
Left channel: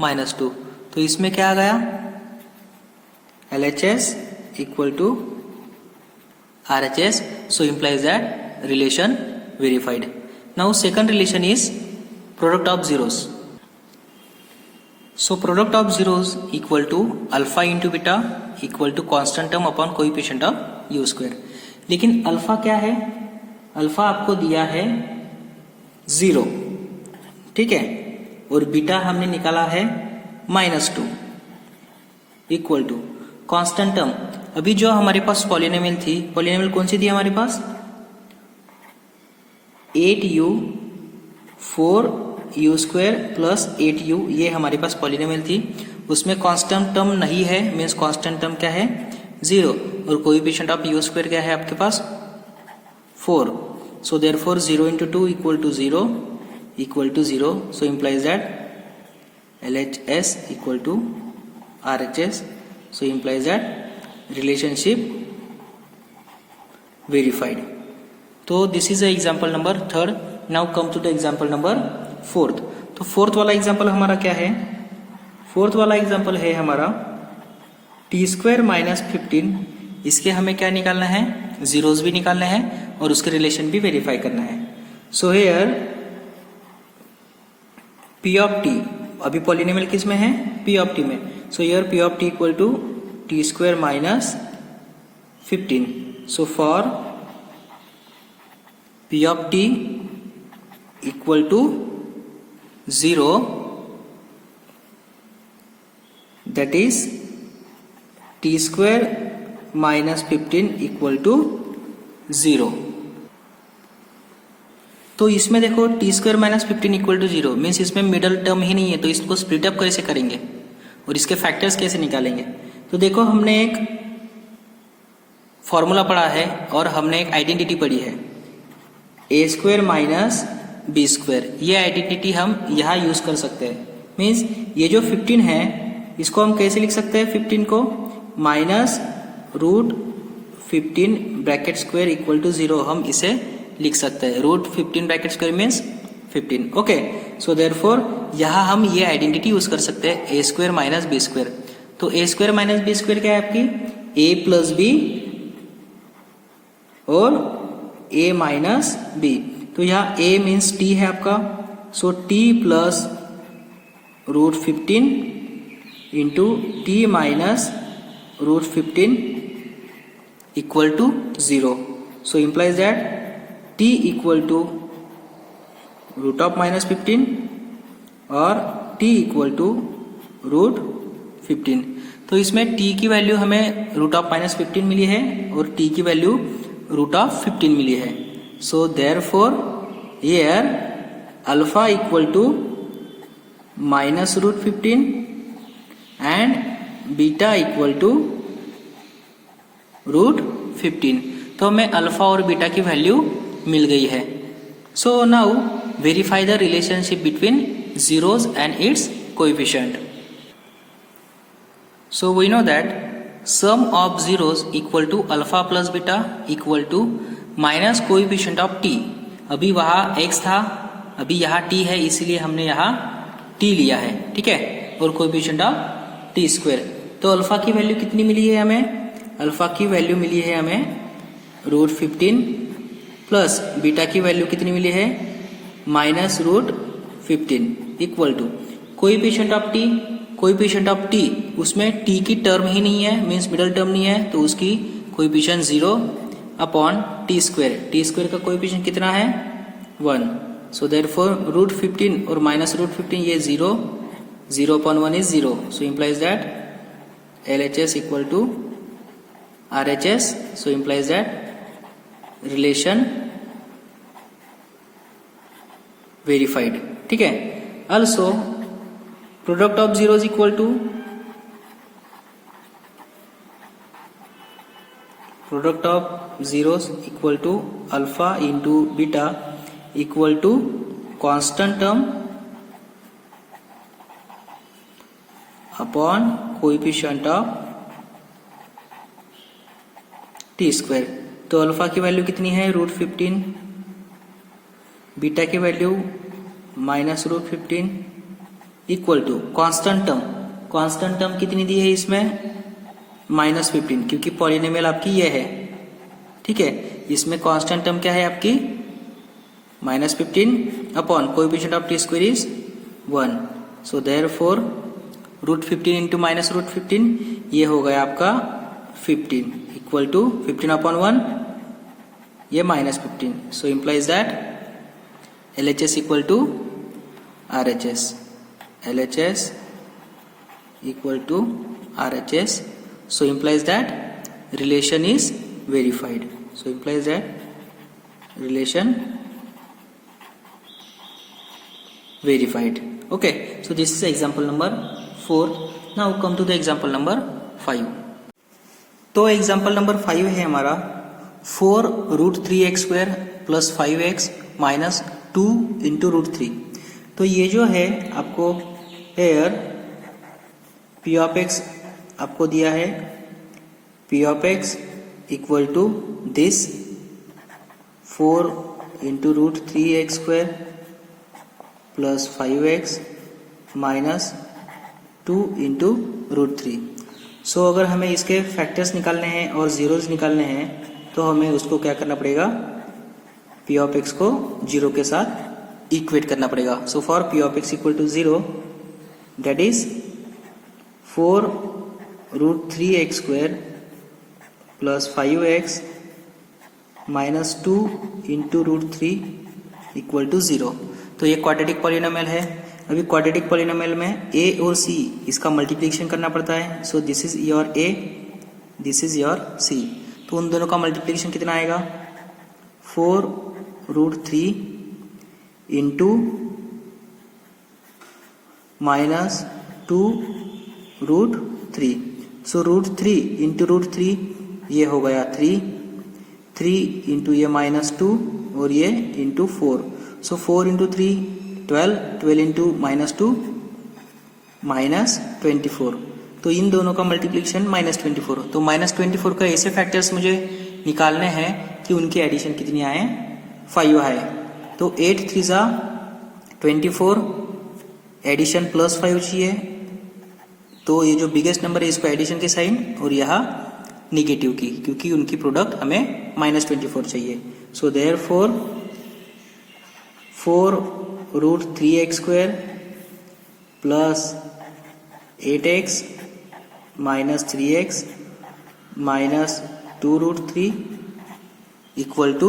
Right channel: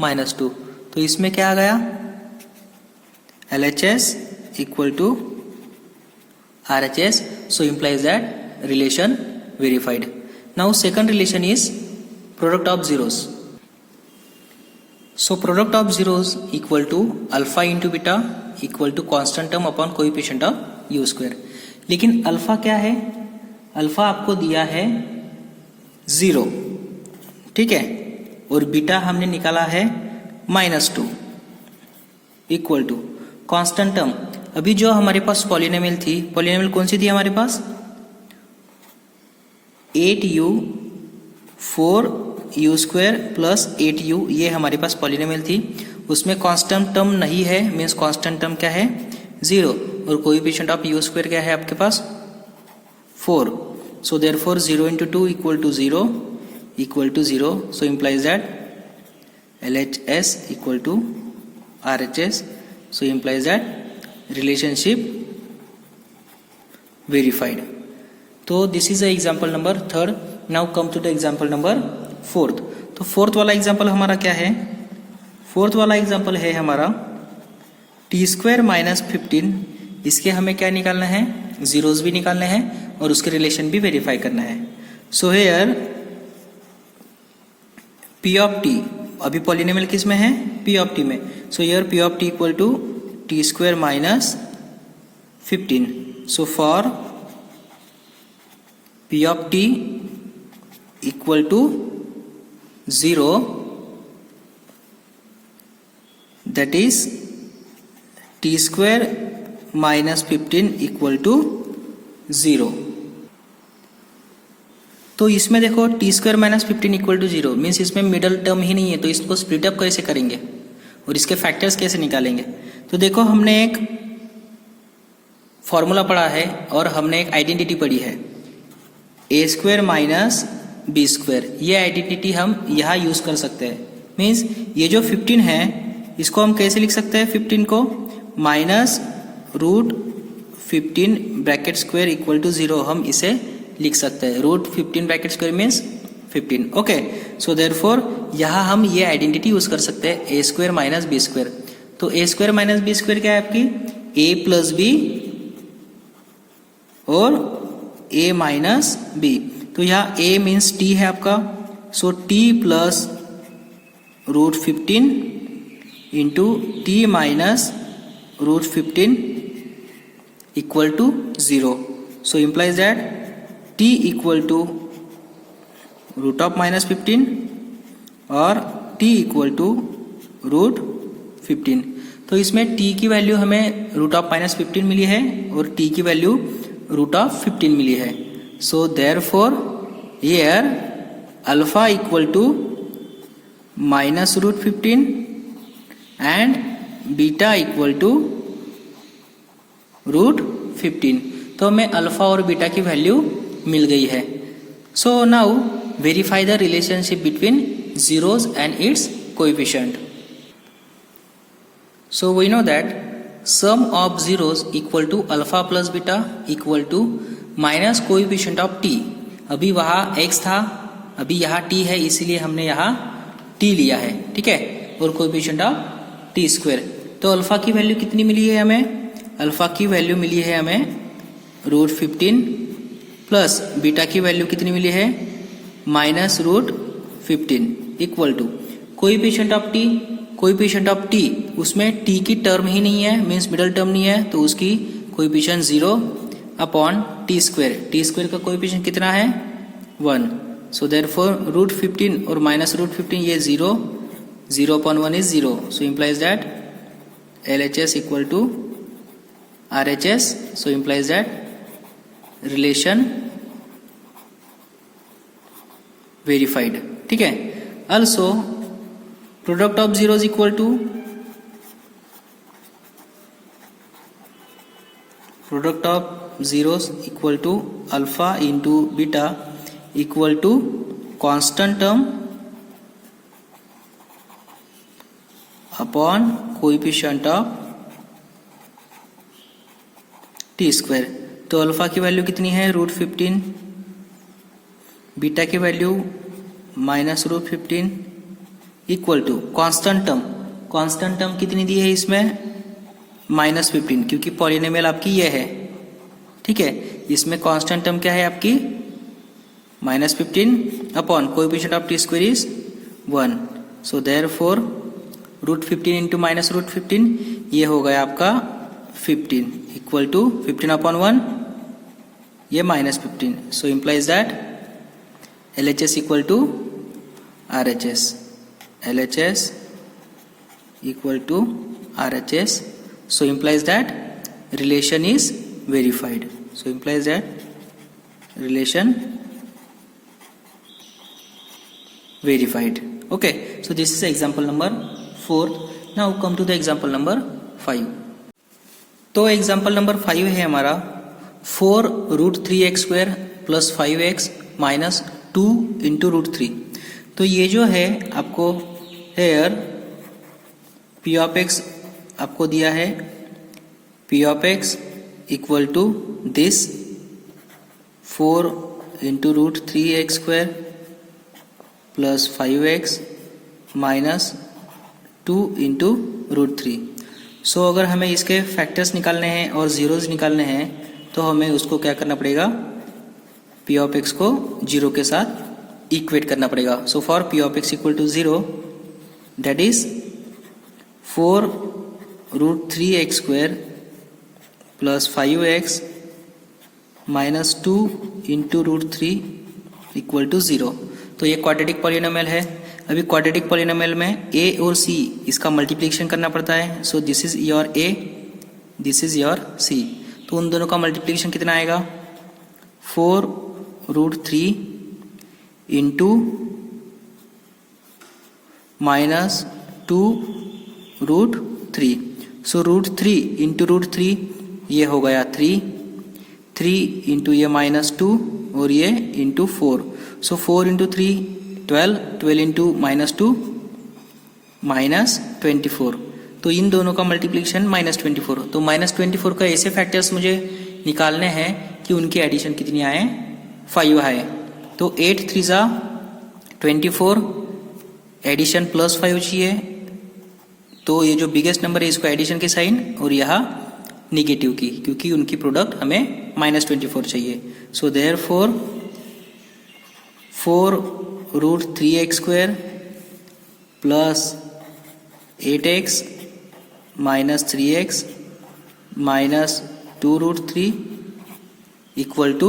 -2. तो इसमें क्या आ गया, LHS equal to RHS. So implies that relation verified. Now second relation is product of zeros. So product of zeros equal to alpha into beta equal to constant term upon coefficient of u². लेकिन alpha क्या है, alpha आपको दिया है 0, ठीक है, और beta हमने निकाला है -2 इक्वल टू कांस्टेंट टर्म. अभी जो हमारे पास पॉलिनोमियल थी, पॉलिनोमियल कौन सी थी हमारे पास, 8u 4u² प्लस 8u, ये हमारे पास पॉलिनोमियल थी. उसमें कांस्टेंट टर्म नहीं है, मीन्स कांस्टेंट टर्म क्या है 0, और कोएफिशिएंट ऑफ u² क्या है आपके पास 4. So therefore 0 into 2 equal to 0. So implies that LHS equal to RHS. So implies that relationship verified. तो this is the example number 3rd. Now come to the example number 4th. तो 4th वाला example हमारा क्या है, 4th वाला example है हमारा t² - 15. इसके हमें क्या निकालना है, जीरोस भी निकालना है और उसके रिलेशन भी वेरीफाई करना है. So here P of T, अभी पॉलिनोमियल किस में है, पी ऑफ टी में. So here P of T equal to T square minus 15. So for P of T equal to 0, that is t square minus 15 equal to 0. तो इसमें देखो T square minus 15 equal to 0 means इसमें middle term ही नहीं है, तो इसको split up कैसे करेंगे और इसके फैक्टर्स कैसे निकालेंगे. तो देखो हमने एक फॉर्मूला पढ़ा है और हमने एक आइडेंटिटी पढ़ी है, ए स्क्वायर माइनस बी स्क्वायर. ये आइडेंटिटी हम यहाँ यूज कर सकते हैं. मीन्स ये जो 15 है इसको हम कैसे लिख सकते हैं, 15 को minus root 15 bracket square equal to 0 हम इसे लिख सकते हैं. Root 15 bracket square means 15. Okay, so therefore यहाँ हम ये आइडेंटिटी यूज कर सकते हैं, A square minus B square. तो A square minus B square क्या है आपकी, ए प्लस बी और ए माइनस बी. तो यहाँ ए मीन्स टी है आपका, so T plus root 15 into T minus root 15 equal to 0. So implies that t equal to root of minus 15 और t इक्वल टू रूट 15. तो इसमें t की वैल्यू हमें रूट ऑफ माइनस 15 मिली है और t की वैल्यू रूट ऑफ 15 मिली है. So therefore here alpha equal to minus root 15 and beta equal to root 15. तो हमें अल्फा और बीटा की वैल्यू मिल गई है. So now verify the relationship between zeros and its coefficient. So we know that sum of zeros equal to alpha plus beta equal to minus coefficient of t. अभी वहाँ x था, अभी यहाँ t है, इसीलिए हमने यहाँ t लिया है, ठीक है, और coefficient of t square. तो अल्फा की वैल्यू कितनी मिली है हमें, अल्फा की वैल्यू मिली है हमें रूट 15 प्लस बीटा की वैल्यू कितनी मिली है minus root 15 equal to coefficient of T. Coefficient of T उसमें टी की टर्म ही नहीं है, मीन्स मिडल टर्म नहीं है, तो उसकी coefficient 0 upon T square. T square का कोएफिशिएंट कितना है 1. सो देयरफॉर रूट 15 और माइनस रूट 15 ये 0 upon 1 is 0. So implies that LHS equal to RHS. So implies that relation verified, ठीक है. Also product of zeros equal to product of zeros equal to alpha into beta equal to constant term upon coefficient of t square. तो alpha की value कितनी है root 15, beta की value minus root 15 equal to constant term. Constant term कितनी दी है इसमें minus 15, क्योंकि पॉलिनोमियल आपकी ये है, ठीक है. इसमें कांस्टेंट टर्म क्या है आपकी minus 15 upon coefficient of t square is 1. So therefore root 15 into minus root 15 ये हो गया आपका 15 इक्वल टू 15 अपॉन 1 ये minus 15. So implies that LHS equal to RHS. LHS equal to RHS. So implies that relation is verified. So implies that relation verified. Okay. So this is example number 4. Now come to the example number 5. तो example number 5 है हमारा 4 root 3x square plus 5x minus 2 into root 3. तो ये जो है आपको hair P of x आपको दिया है, P of x equal to this 4 into root 3x square plus 5x minus 2 into root 3. So अगर हमें इसके फैक्टर्स निकालने हैं और जीरोज निकालने हैं तो हमें उसको क्या करना पड़ेगा, पी ऑफ एक्स को 0 के साथ इक्वेट करना पड़ेगा. So for P of x equal to 0, that is 4√3x² plus 5x minus 2 into √3 equal to 0. तो ये क्वाड्रेटिक पॉलिनोमियल है. अभी क्वाड्रेटिक पॉलिनोमियल में a और c इसका मल्टीप्लिकेशन करना पड़ता है. So this is your a, this is your c. तो उन दोनों का मल्टीप्लिकेशन कितना आएगा? 4√3 इंटू माइनस 2√3. सो √3 इंटू √3 ये हो गया 3 इंटू ये माइनस 2 और ये इंटू 4. सो 4 इंटू 3 12 इंटू माइनस 2 माइनस 24. तो इन दोनों का मल्टीप्लिकेशन माइनस 24. तो माइनस 24 का ऐसे फैक्टर्स मुझे निकालने हैं कि उनकी एडिशन कितनी आए? 5 आए. तो 8 3 जा 24, एडिशन प्लस 5 चाहिए. तो ये जो बिगेस्ट नंबर है इसको एडिशन के साइन और यहाँ निगेटिव की, क्योंकि उनकी प्रोडक्ट हमें माइनस 24 चाहिए. So therefore 4√3x² plus 8x minus 3x minus 2√3 equal to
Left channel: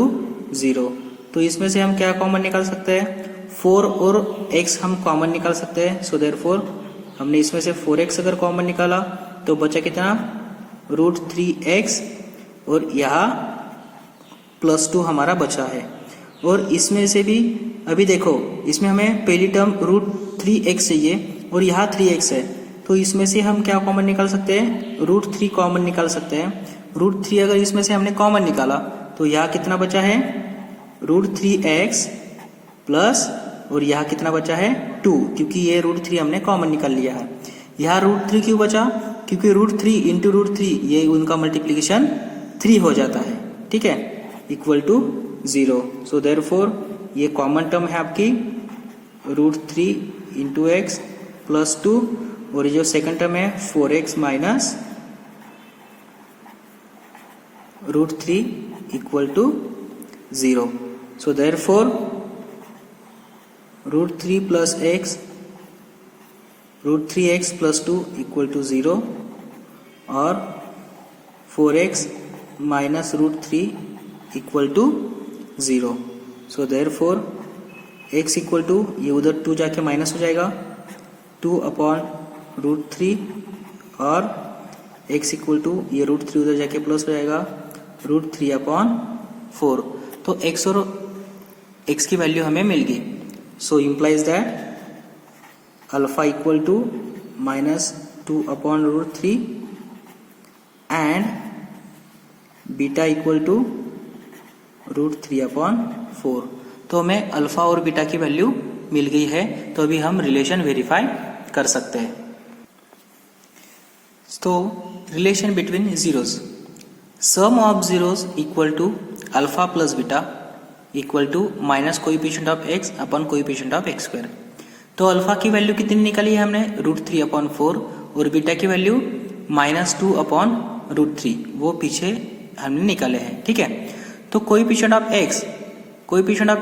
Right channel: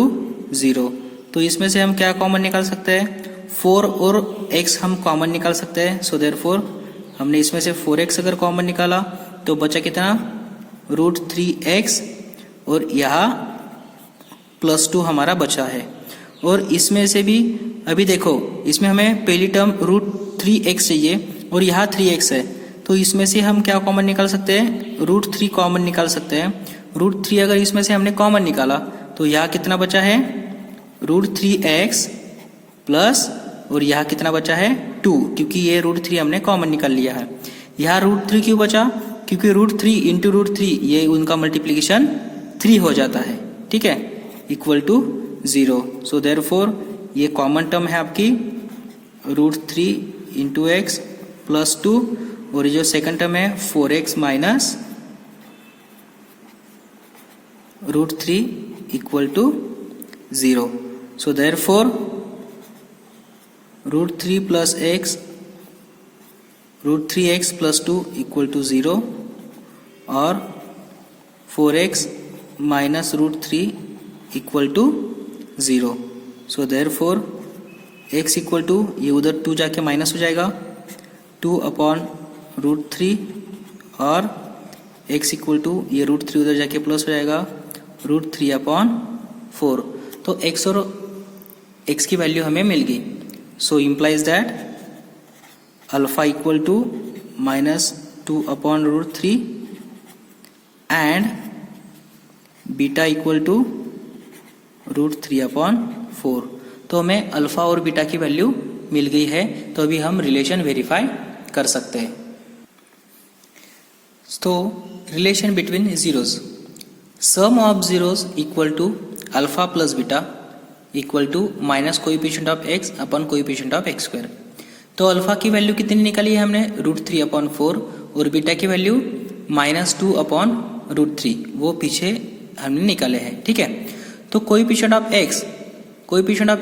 0. तो इसमें से हम क्या कॉमन निकाल सकते हैं? 4 और x हम कॉमन निकाल सकते हैं. सो देयरफॉर हमने इसमें से 4x अगर कॉमन निकाला तो बचा कितना? √3x और यहाँ प्लस 2 हमारा बचा है. और इसमें से भी अभी देखो, इसमें हमें पहली टर्म √3x चाहिए और यहाँ 3x है. तो इसमें से हम क्या कॉमन निकाल सकते हैं? √3 कॉमन निकाल सकते हैं. √3 अगर इसमें से हमने कॉमन निकाला तो यहाँ कितना बचा है? √3x प्लस और यहाँ कितना बचा है? 2, क्योंकि ये √3 हमने कॉमन निकाल लिया है. यहाँ √3 क्यों बचा? क्योंकि √3 इंटू √3 ये उनका मल्टीप्लीकेशन 3 हो जाता है. ठीक है, इक्वल टू 0. सो देयरफॉर ये कॉमन टर्म है आपकी √3 इंटू एक्स प्लस 2 और ये जो सेकंड टर्म है 4x minus √3 equal to 0. So therefore √3 plus x √3x plus 2 equal to 0 और 4x minus √3 equal to 0. So therefore x equal to ये उधर 2 जाके माइनस हो जाएगा 2 अपॉन √3 और x इक्वल टू ये √3 उधर जाके प्लस हो जाएगा √3 अपॉन 4. तो x और x की वैल्यू हमें मिल गई. So implies that alpha equal to minus 2 upon √3 and beta equal to √3 upon 4. तो हमें अल्फा और बीटा की वैल्यू मिल गई है. तो अभी हम रिलेशन वेरीफाई कर सकते हैं. तो relation between zeros, sum of zeros equal to alpha plus beta equal to minus coefficient of x upon coefficient of x². तो अल्फा की वैल्यू कितनी निकाली है हमने? √3 अपॉन 4 और बीटा की वैल्यू माइनस 2 अपॉन √3, वो पीछे हमने निकाले हैं. ठीक है, तो कोएफिशिएंट ऑफ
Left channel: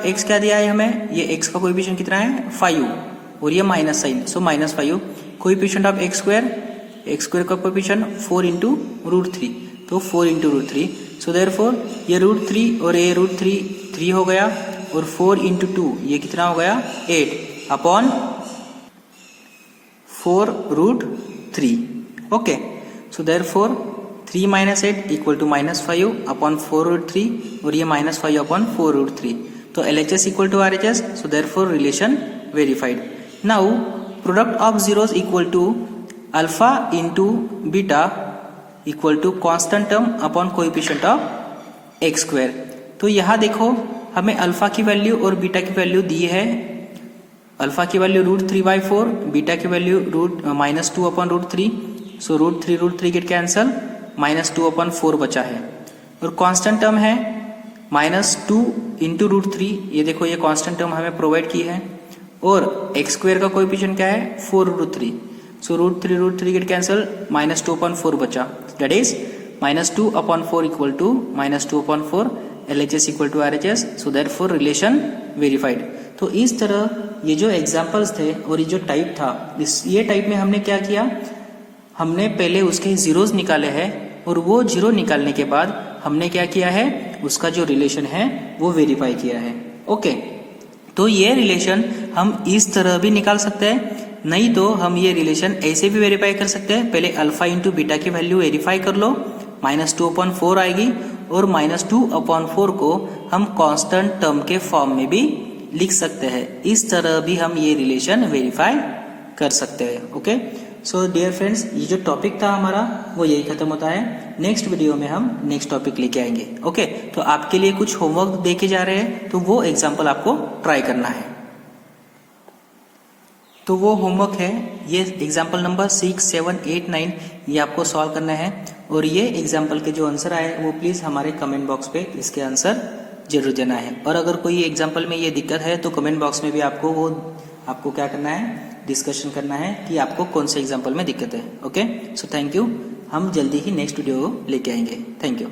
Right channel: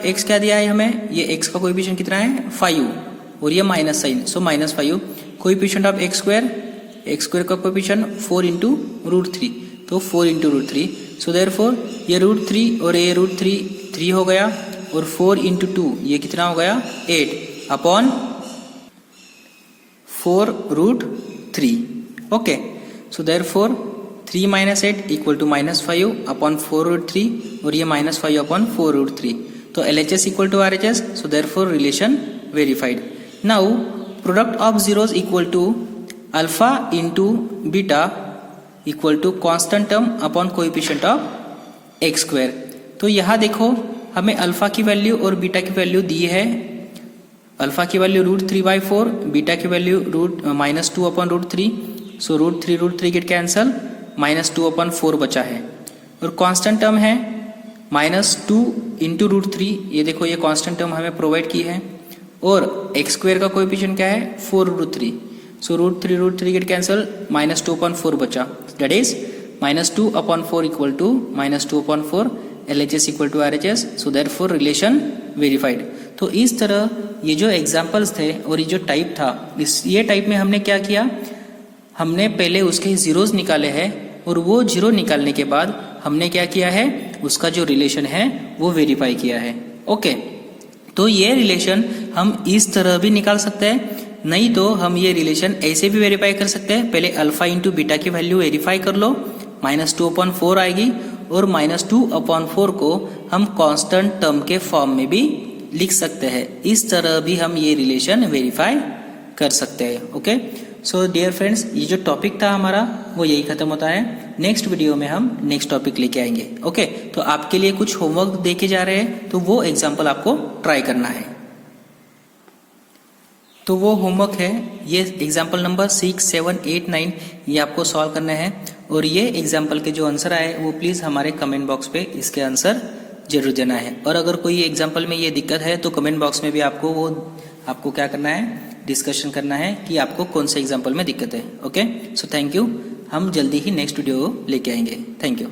x क्या दिया है हमें? ये x का कोएफिशिएंट कितना है? 5 और ये minus sign, so minus 5. Coefficient of x² का कोएफिशिएंट 4 इंटू √3, तो 4 इंटू √3. सो देयरफॉर ये √3 और ये √3 3 हो गया और 4 इंटू 2 ये कितना हो गया? 8 upon 4√3. Okay, so therefore 3 minus 8 equal to minus 5 upon 4√3 और ये माइनस 5 अपॉन 4√3. तो LHS equal to RHS. So therefore relation verified. Now product of zeros equal to alpha into beta equal to constant term upon coefficient of x². तो यहाँ देखो हमें alpha की value और beta की वैल्यू दी है. Alpha की वैल्यू √3/4, बीटा की वैल्यू माइनस 2 अपॉन √3. सो √3 गेट कैंसल, माइनस 2 अपॉन 4 बचा है. और कांस्टेंट टर्म है माइनस 2 इंटू √3. ये देखो ये कांस्टेंट टर्म हमें प्रोवाइड की है. और x² का कोएफिशिएंट क्या है? 4√3. सो √3 गेट कैंसल, माइनस 2 अपॉन 4 बचा. That is minus 2 upon 4 equal to minus 2 upon 4 LHS equal to RHS, so therefore relation verified. तो इस तरह ये जो एग्जाम्पल्स थे और ये जो टाइप था, ये टाइप में हमने क्या किया, हमने पहले उसके जीरोस निकाले हैं और वो जीरो निकालने के बाद हमने क्या किया है, उसका जो रिलेशन है वो वेरीफाई किया है। ओके, तो ये रिलेशन हम इस तरह भी निकाल सकते हैं, नहीं तो हम ये रिलेशन ऐसे भी वेरीफाई कर सकते हैं। पहले अल्फा इंटू बीटा की वैल्यू वेरीफाई कर लो, -2/4 आएगी और -2/4 को हम कांस्टेंट टर्म के फॉर्म में भी लिख सकते हैं। इस तरह भी हम ये रिलेशन वेरीफाई कर सकते हैं। ओके, सो डियर फ्रेंड्स, ये जो टॉपिक था हमारा वो यही खत्म होता है। नेक्स्ट वीडियो में हम नेक्स्ट टॉपिक लेके आएंगे। ओके, तो आपके लिए कुछ होमवर्क देके जा रहे हैं, तो वो एग्जाम्पल आपको ट्राई करना है। तो वो होमवर्क है, ये एग्जाम्पल नंबर 6, 7, 8, 9 ये आपको सॉल्व करना है। और ये एग्जाम्पल के जो आंसर आए वो प्लीज़ हमारे कमेंट बॉक्स पे इसके आंसर जरूर देना है। और अगर कोई एग्जाम्पल में ये दिक्कत है तो कमेंट बॉक्स में भी आपको क्या करना है, डिस्कशन करना है कि आपको कौन से एग्जाम्पल में दिक्कत है। Okay, so thank you. हम जल्दी ही नेक्स्ट वीडियो लेके आएंगे। Thank you.